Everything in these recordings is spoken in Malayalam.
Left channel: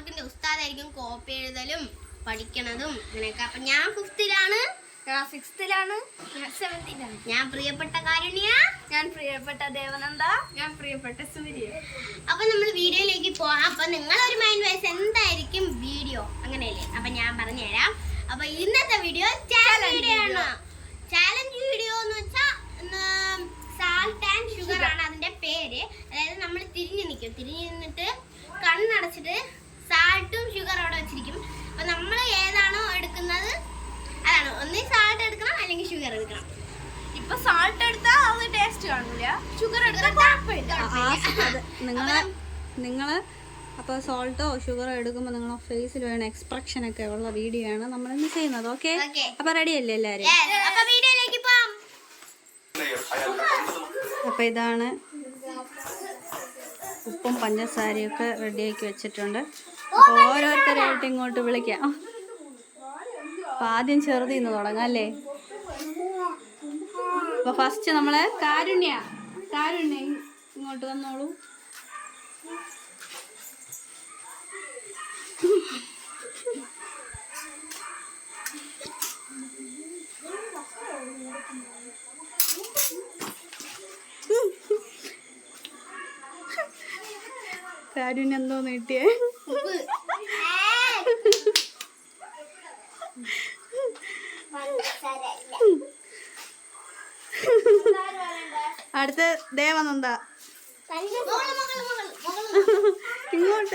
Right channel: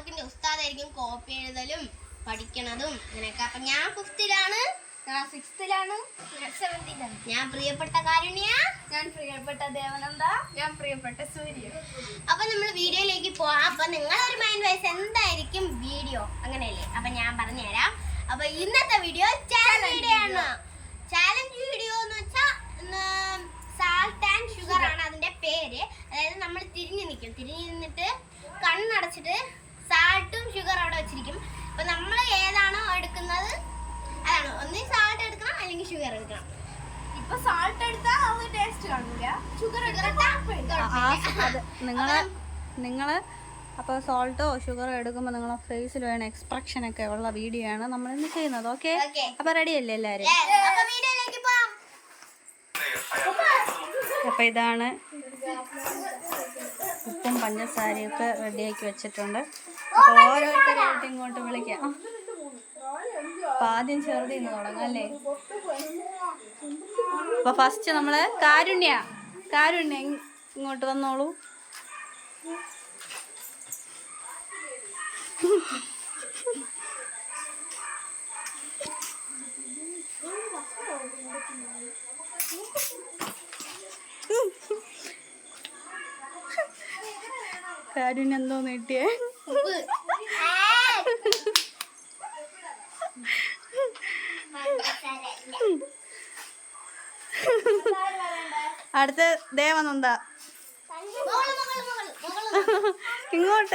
ഹോംവർക്കിന്റെ ഉസ്താദായിരിക്കും കോപ്പി എഴുതലും പഠിക്കണതും അങ്ങനെയൊക്കെ. അപ്പൊ ഞാൻ 5th-ലാണ്, ഞാൻ 6th-ലാണ്, ഞാൻ 7th-ലാണ്. ഞാൻ പ്രിയപ്പെട്ട കാരുണ്യ, ഞാൻ പ്രിയപ്പെട്ട ദേവനന്ദ, ഞാൻ പ്രിയപ്പെട്ട സൂര്യ. അപ്പൊ നമ്മൾ വീഡിയോയിലേക്ക് പോവാം. അപ്പൊ നിങ്ങളൊരു മൈൻഡ് വൈസ് എന്തായിരിക്കും വീഡിയോ, അങ്ങനെയല്ലേ? അപ്പൊ ഞാൻ പറഞ്ഞുതരാം. അപ്പൊ ഇന്നത്തെ വീഡിയോ ചാലഞ്ച് വീഡിയോ ആണ്. ചാലഞ്ച് വീഡിയോ എന്ന് വെച്ചാൽ സാൾട്ട് ആൻഡ് ഷുഗർ ആണ് അതിന്റെ പേര്. അതായത് നമ്മൾ തിരിഞ്ഞു നിന്നിട്ട് കണ്ണടച്ചിട്ട് സാൾട്ടും ഷുഗറും അവിടെ വെച്ചിരിക്കും. അപ്പൊ നമ്മൾ ഏതാണോ എടുക്കുന്നത് അതാണ്, ഒന്നീ സാൾട്ട് എടുക്കണം അല്ലെങ്കിൽ ഷുഗർ എടുക്കണം. ഇപ്പൊ സാൾട്ട് എടുത്താൽ അത് ടേസ്റ്റ് കാണൂല, ഷുഗർ എടുത്താൽ നിങ്ങള് അപ്പോൾ സോൾട്ടോ ഷുഗറോ എടുക്കുമ്പോൾ നിങ്ങളെ ഫേസിൽ വേണം എക്സ്പ്രഷൻ ഒക്കെ ഉള്ള വീഡിയോ ആണ് നമ്മൾ ഇന്ന് ചെയ്യുന്നത്. ഓക്കെ, അപ്പൊ റെഡി അല്ലേ എല്ലാവരും? അപ്പോൾ ഇതാണ് ഉപ്പും പഞ്ചസാരയൊക്കെ റെഡിയാക്കി വെച്ചിട്ടുണ്ട്. അപ്പോൾ ഓരോരുത്തരായിട്ട് ഇങ്ങോട്ട് വിളിക്കാം. അപ്പം ആദ്യം ചെറുതിന്ന് തുടങ്ങാം അല്ലേ? അപ്പോൾ ഫസ്റ്റ് നമ്മൾ കാരുണ്യ ഇങ്ങോട്ട് വന്നോളൂ. കാരുണ്യ എന്തോ നീട്ടിയേ? അടുത്ത ദേവനന്ദ. ഇങ്ങോട്ട്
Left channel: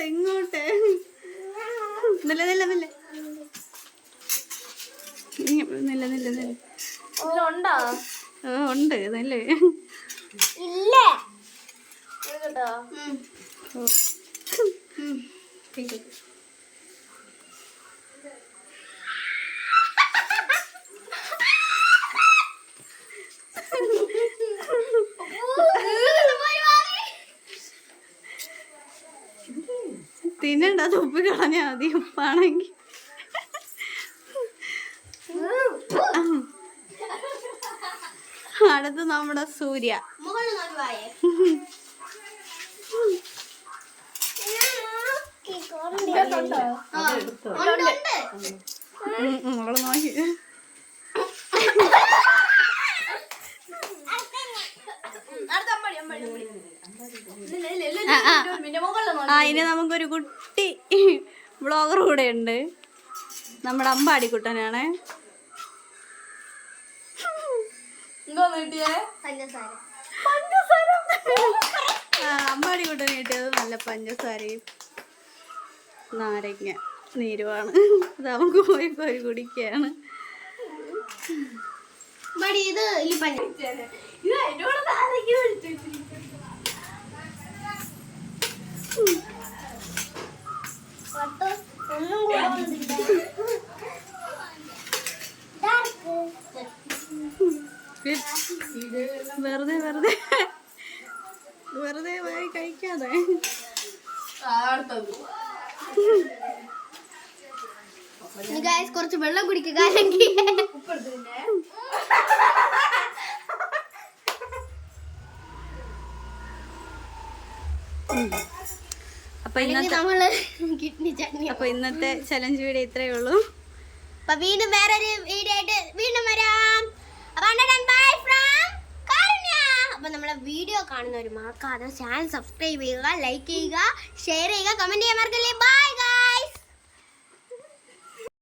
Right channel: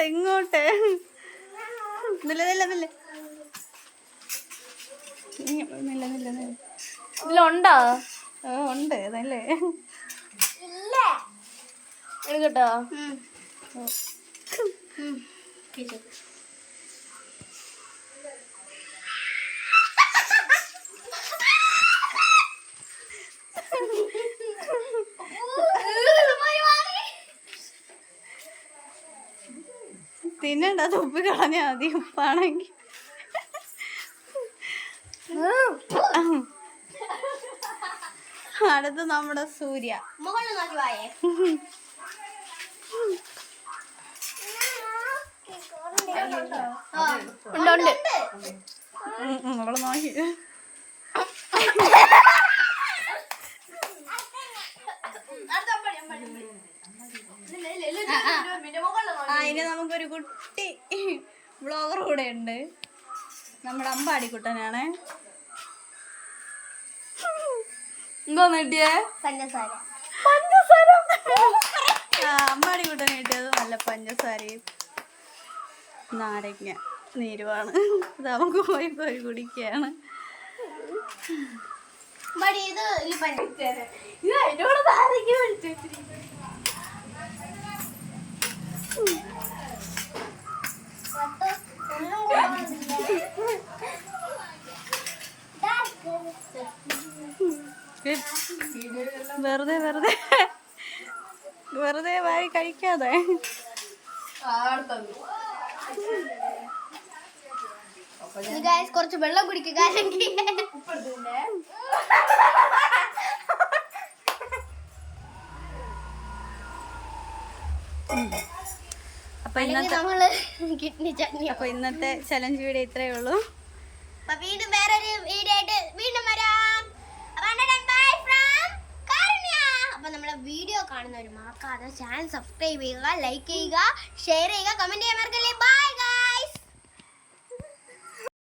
ഉണ്ടോ? ഉണ്ട് നല്ലേ കേട്ടോ. തിന്നണ്ട, തുപ്പി കളഞ്ഞാ മതി ഉപ്പാണെങ്കിൽ. അടുത്ത് നമ്മുടെ സൂര്യ. അവള് നോക്കി. ഇനി നമുക്കൊരു കുട്ടി വ്ളോഗർ കൂടെ ഉണ്ട്, നമ്മുടെ അമ്പാടിക്കുട്ടനാണ്. എന്തോന്ന് കിട്ടിയേ? അമ്പാടിക്കുട്ടന് കിട്ടിയത് നല്ല പഞ്ചസാരയും നാരങ്ങ നീരുമാണ്. അത് നമുക്ക് പോയി കോരി കുടിക്കുകയാണ്. വെറുതെ വാരി കഴിക്കാതെ. കുറച്ച് വെള്ളം കുടിക്കുക. അപ്പൊ ഇന്നത്തെ ചലഞ്ച് വീഡിയോ ഇത്രയേ ഉള്ളൂ. അപ്പൊ വീണ്ടും വേറൊരു വീഡിയോ ആയിട്ട് വീണ്ടും വരാം. അപ്പൊ നമ്മളെ വീഡിയോ കാണുന്നവർ മറക്കാതെ ചാനൽ സബ്സ്ക്രൈബ് ചെയ്യുക, ലൈക്ക് ചെയ്യുക, ഷെയർ ചെയ്യുക, കമന്റ് ചെയ്യാൻ മറക്കല്ലേ. ബൈ.